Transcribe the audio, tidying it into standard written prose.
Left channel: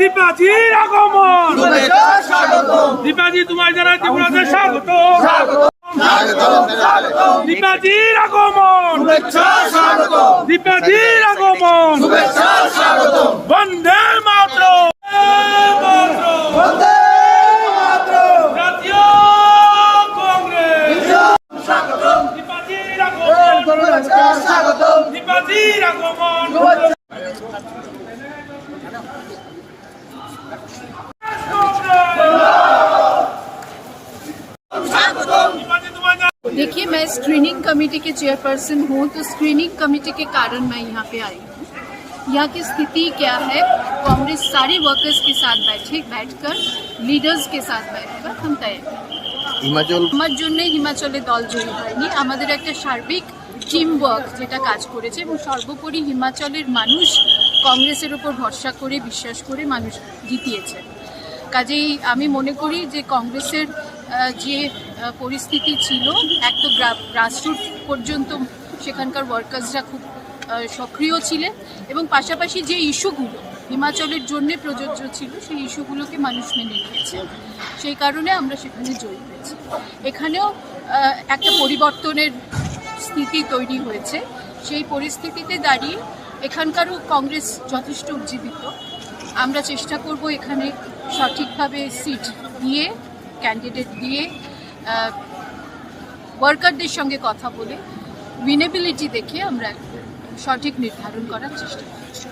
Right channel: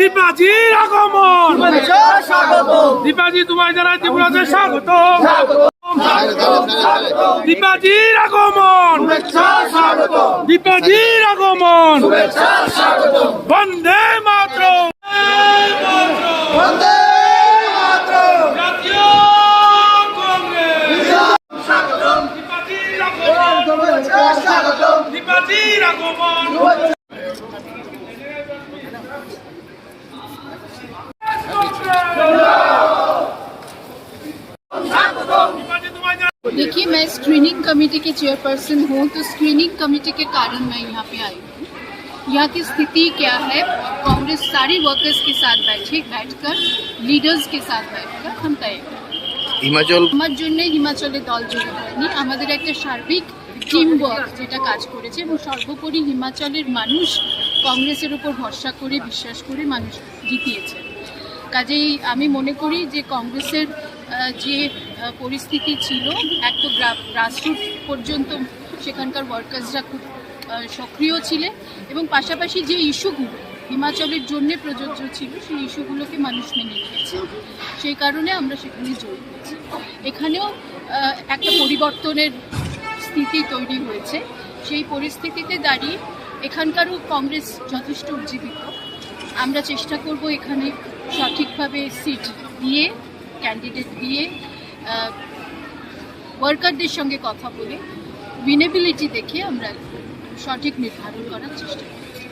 দীপাজির আগমন, দীপাজি তোমায় জানাই ত্রিপুরাতে স্বাগত। দীপাজির আগমন, দীপাজির আগমন, বন্দে মাতরম। দীপাজির আগমন, देखिए, मैं स्क्रीनिंग कमेटी के चेयरपर्सन हूँ, तो स्क्रीनिंग कमेटी के कारण मैं यहाँ पे आई हूँ। यहाँ की स्थिति क्या है, कांग्रेस सारे वर्कर्स के साथ बैठकर लीडर्स के साथ बैठकर हम तय আমার জন্য হিমাচলে দল জয়ী হয়নি, আমাদের একটা সার্বিক টিম ওয়ার্ক যেটা কাজ করেছে এবং সর্বোপরি হিমাচলের মানুষ কংগ্রেসের উপর ভরসা করে বিশ্বাস করে মানুষ জিতিয়েছে। কাজেই আমি মনে করি যে কংগ্রেসের যে পরিস্থিতি ছিল, এক তো গ্রাসরুট পর্যন্ত সেখানকার ওয়ার্কার্সরা খুব সক্রিয় ছিলেন এবং পাশাপাশি যে ইস্যুগুলো হিমাচলের জন্য প্রযোজ্য ছিল সেই ইস্যুগুলোকে মানুষ মেনে নিয়েছে, সেই কারণে আমরা সেখানে জয়ী হয়েছি। এখানেও একটা পরিবর্তনের স্থিতি তৈরি হয়েছে, সেই পরিস্থিতিতে দাঁড়িয়ে এখানকারও কংগ্রেস যথেষ্ট উজ্জীবিত। আমরা চেষ্টা করব এখানে সঠিকভাবে সিট দিয়ে, ক্যান্ডিডেট দিয়ে, ওয়ার্কারদের সঙ্গে কথা বলে উইনেবিলিটি দেখে আমরা সঠিক নির্ধারণ করার চেষ্টা করছি।